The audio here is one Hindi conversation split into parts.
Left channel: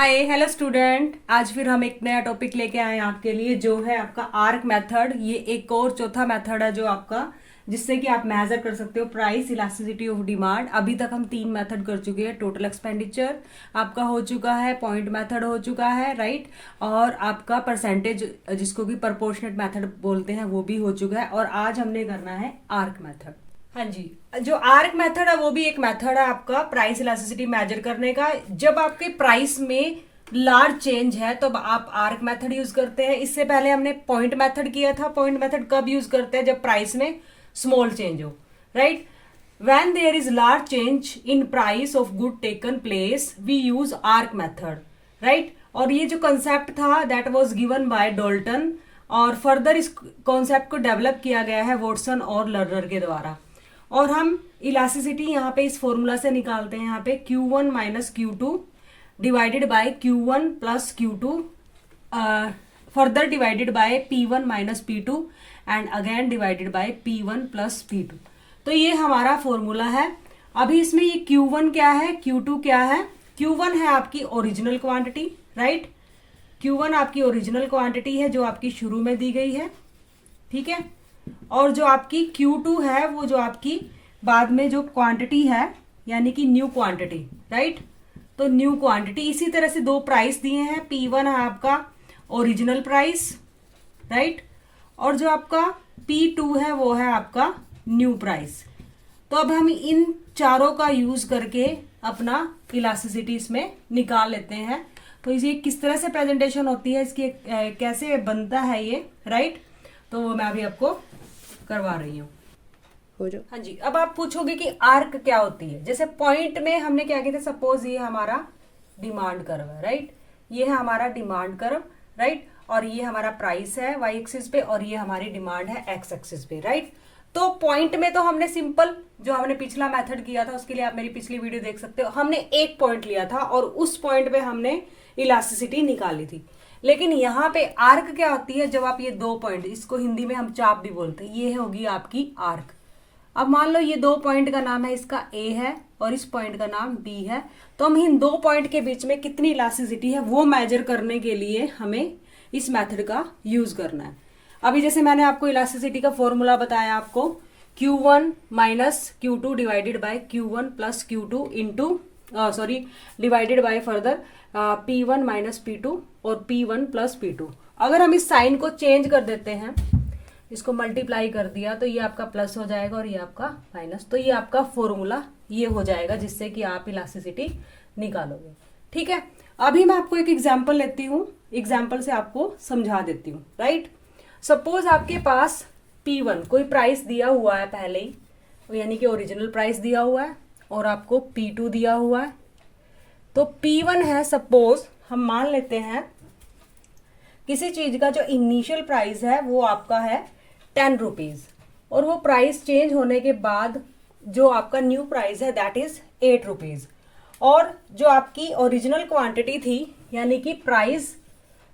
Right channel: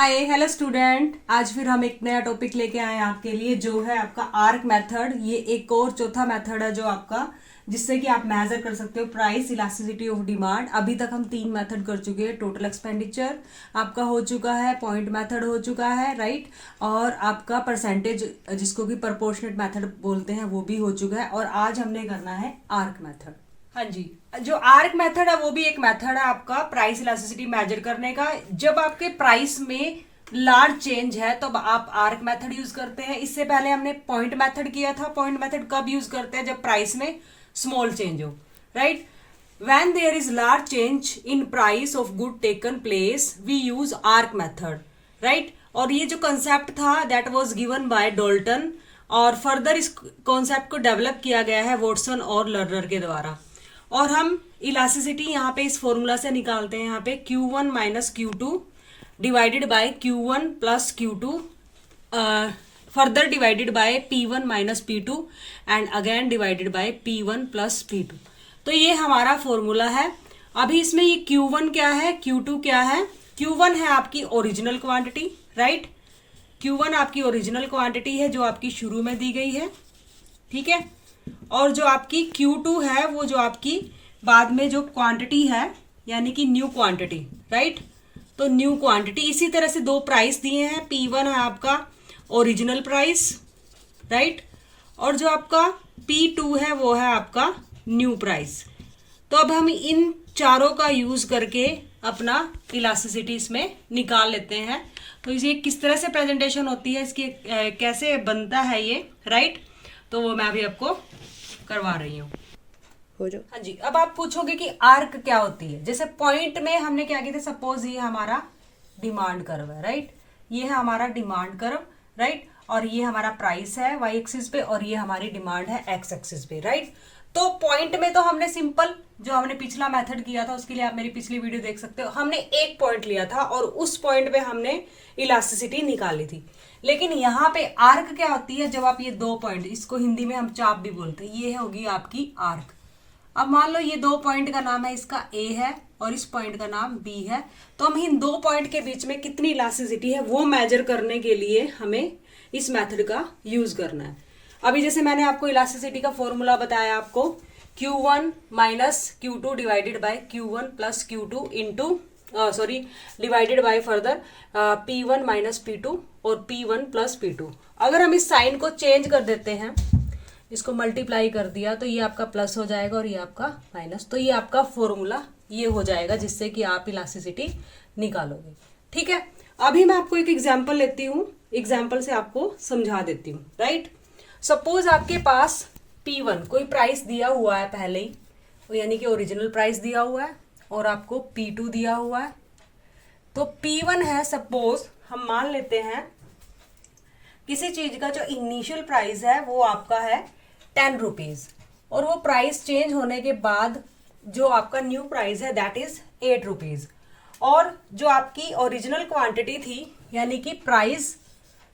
हाय हेलो स्टूडेंट, आज फिर हम एक नया टॉपिक लेके आए हैं आपके लिए जो है आपका आर्क मेथड। ये एक और चौथा मेथड है जो आपका जिससे कि आप मेजर कर सकते हो प्राइस इलास्टिसिटी ऑफ डिमांड। अभी तक हम 3 मेथड कर चुके हैं। टोटल एक्सपेंडिचर आपका हो चुका है, पॉइंट मेथड हो चुका है, राइट, और आपका परसेंटेज जिसको कि प्रोपोर्शनेट मेथड बोलते हैं वो भी हो चुका है। और आज हमने करना है आर्क मेथड। हाँ जी, जो आर्क मेथड है वो भी एक मेथड है आपका प्राइस इलास्टिसिटी मेजर करने का। जब आपके प्राइस में लार्ज चेंज है तो आप आर्क मेथड यूज करते हैं। इससे पहले हमने पॉइंट मेथड किया था। पॉइंट मेथड कब यूज करते हैं? जब प्राइस में स्मॉल चेंज हो, right. When there is large change in price of good taken place we use arc method, right. और ये जो कंसेप्ट था that was given by Dalton, और फर्दर इस कॉन्सेप्ट को डेवलप किया गया है वॉटसन और लर्नर के द्वारा। और हम इलास्टिसिटी यहाँ पे इस फॉर्मूला से निकालते हैं। यहाँ पे Q1 minus Q2 divided by Q1 plus Q2 further divided by P1 minus P2 and again divided by P1 plus P2। तो ये हमारा फॉर्मूला है। अभी इसमें ये Q1 क्या है, Q2 क्या है? Q1 है आपकी ओरिजिनल क्वांटिटी, राइट। Q1 आपकी ओरिजिनल क्वांटिटी है जो आपकी शुरू में दी गई है, ठीक है। और जो आपकी Q2 है वो जो आपकी बाद में जो क्वांटिटी है यानी कि न्यू क्वांटिटी, राइट। तो न्यू क्वांटिटी इसी तरह से दो प्राइस दिए हैं। P1 है आपका ओरिजिनल प्राइस, राइट, और जो आपका P2 है वो है आपका न्यू प्राइस। तो अब हम इन चारों का यूज करके अपना इलास्टिसिटी इसमें निकाल लेते हैं। तो ये किस तरह से प्रेजेंटेशन होती है इसकी, कैसे बनता है ये, राइट, तो वो मैं अभी आपको करवा रही हूँ। हो जाओ। हाँ जी, अब आप पूछोगे कि आर्क क्या होती है। जैसे पॉइंट में हमने क्या किया था, सपोज ये हमारा डिमांड कर्व है, राइट। ये है हमारा डिमांड कर्व, राइट, और ये हमारा प्राइस है वाई एक्सिस पे, और ये हमारी डिमांड है एक्स एक्सिस पे, राइट। तो पॉइंट में तो हमने सिंपल जो हमने पिछला मेथड किया था उसके लिए आप मेरी पिछली वीडियो देख सकते हो। हमने एक पॉइंट लिया था और उस पॉइंट पे हमने इलास्टिसिटी निकाली थी। लेकिन यहाँ पे आर्क क्या होती है? जब आप ये दो पॉइंट, इसको हिंदी में हम चाप भी बोलते हैं, ये होगी आपकी आर्क। अब मान लो ये दो पॉइंट का नाम है, इसका ए है और इस पॉइंट का नाम बी है। तो हम इन दो पॉइंट के बीच में कितनी इलास्टिसिटी है वो मेजर करने के लिए हमें इस मेथड का यूज करना है। अभी जैसे मैंने आपको इलास्टिसिटी का फॉर्मूला बताया आपको, Q1 minus Q2 divided by Q1 plus Q2 into divided by further P1 minus P2 और P1 प्लस P2। अगर हम इस साइन को चेंज कर देते हैं, इसको मल्टीप्लाई कर दिया तो ये आपका प्लस हो जाएगा और ये आपका माइनस। तो ये आपका फॉर्मूला ये हो जाएगा जिससे कि आप इलास्टिसिटी निकालोगे, ठीक है। अभी मैं आपको एक एग्जांपल लेती हूँ, एग्जांपल से आपको समझा देती हूँ, राइट। सपोज आपके पास P1 कोई प्राइस दिया हुआ है पहले ही, यानी कि ओरिजिनल प्राइस दिया हुआ है, और आपको P2 दिया हुआ है। तो P1 है, सपोज हम मान लेते हैं किसी चीज का जो इनिशियल प्राइस है वो आपका है 10 रुपीज, और वो प्राइस चेंज होने के बाद जो आपका न्यू प्राइस है दैट इज 8 रुपीज। और जो आपकी ओरिजिनल क्वांटिटी थी यानी कि प्राइस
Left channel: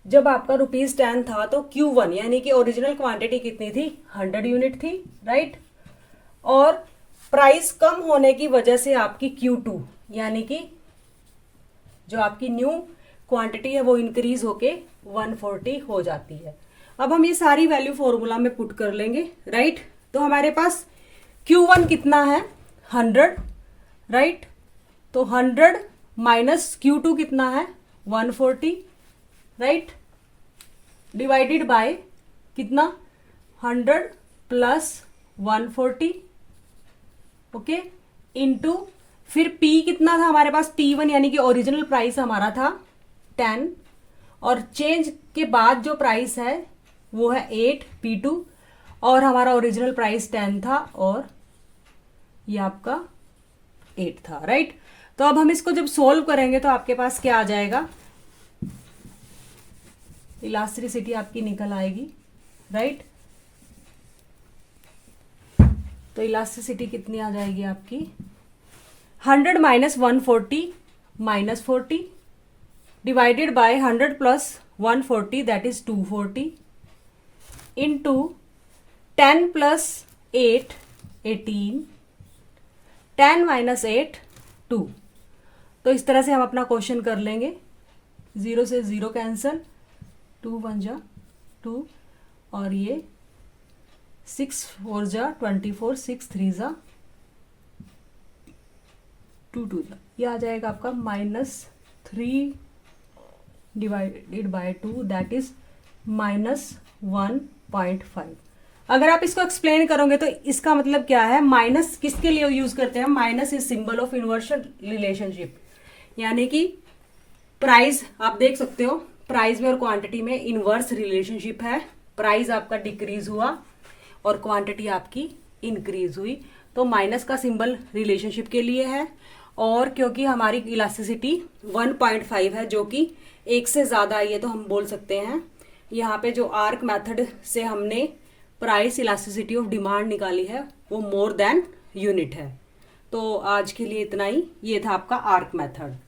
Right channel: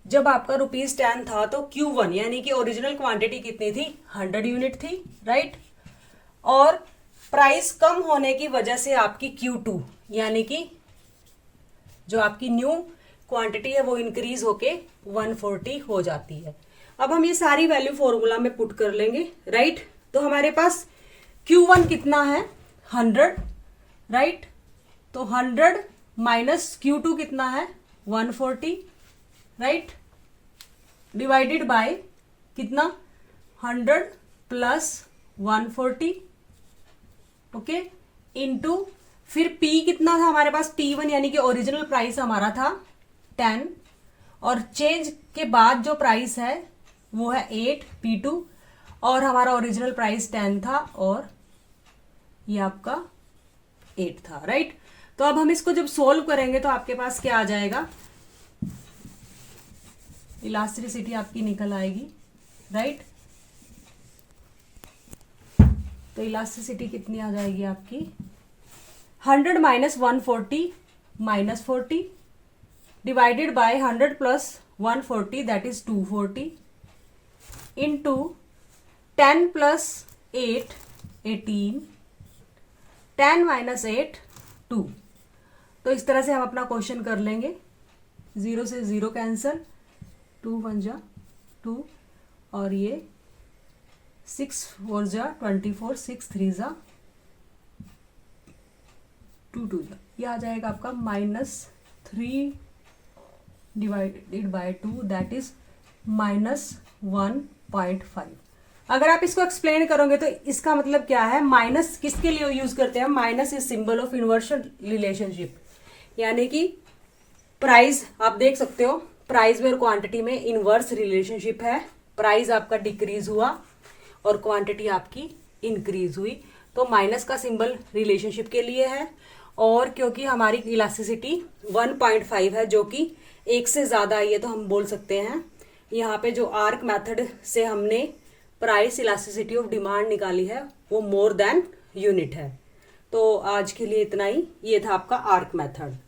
जब आपका ₹10 था तो Q1 यानी कि ओरिजिनल क्वांटिटी कितनी थी? 100 यूनिट थी, राइट। और प्राइस कम होने की वजह से आपकी Q2 यानी कि जो आपकी न्यू क्वांटिटी है वो इंक्रीज होके 140 हो जाती है। अब हम ये सारी वैल्यू फॉर्मूला में पुट कर लेंगे, राइट। तो हमारे पास Q1 कितना है? 100, राइट। तो 100 माइनस Q2 कितना है? 140, राइट, डिवाइडेड बाय कितना? 100 प्लस 140, ओके, इनटू फिर P कितना था हमारे पास? P1 यानी कि ओरिजिनल प्राइस हमारा था 10, और चेंज के बाद जो प्राइस है वो है 8 P2, और हमारा ओरिजिनल प्राइस 10 था और ये आपका 8 था, राइट। तो अब हम इसको जब सोल्व करेंगे तो आपके पास क्या आ जाएगा? इलास्टिसिटी आपकी निकल आएगी, राइट। तो इलास्टिसिटी कितनी आ जाएगी आपकी? 100 minus 140 minus 40 divided by 100 plus 140 that is 240 into 10 plus 8 18, 10 minus 8 2। तो इस तरह से हम अपना क्वेश्चन कर लेंगे, 0 से 0 कैंसिल, 2 1 जा 2, और ये 6 4 जा 24, 6 3 जा 2 2 जा, ये आ जाएगा आपका -3 डिवाइडेड बाय 2, दैट इज -1.5। अगर आप इसको एक्सप्लेन करोगे तो इसका मतलब क्या है, माइनस किसके लिए यूज करते हैं, minus is symbol of inversion relationship, यानी कि प्राइस आप देख सकते हो, प्राइस में और क्वांटिटी में इनवर्स रिलेशनशिप है। प्राइस आपका डिक्रीज हुआ और क्वांटिटी आपकी इंक्रीज हुई, तो माइनस का सिंबल रिलेशनशिप के लिए है। और क्योंकि हमारी इलास्टिसिटी 1.5 है जो कि 1 से ज्यादा है, ये तो हम बोल सकते हैं। यहाँ पे जो आर्क मेथड से हमने प्राइस इलास्टिसिटी ऑफ डिमांड निकाली है वो मोर देन यूनिट है। तो आज के लिए इतना ही, ये था आपका आर्क मेथड।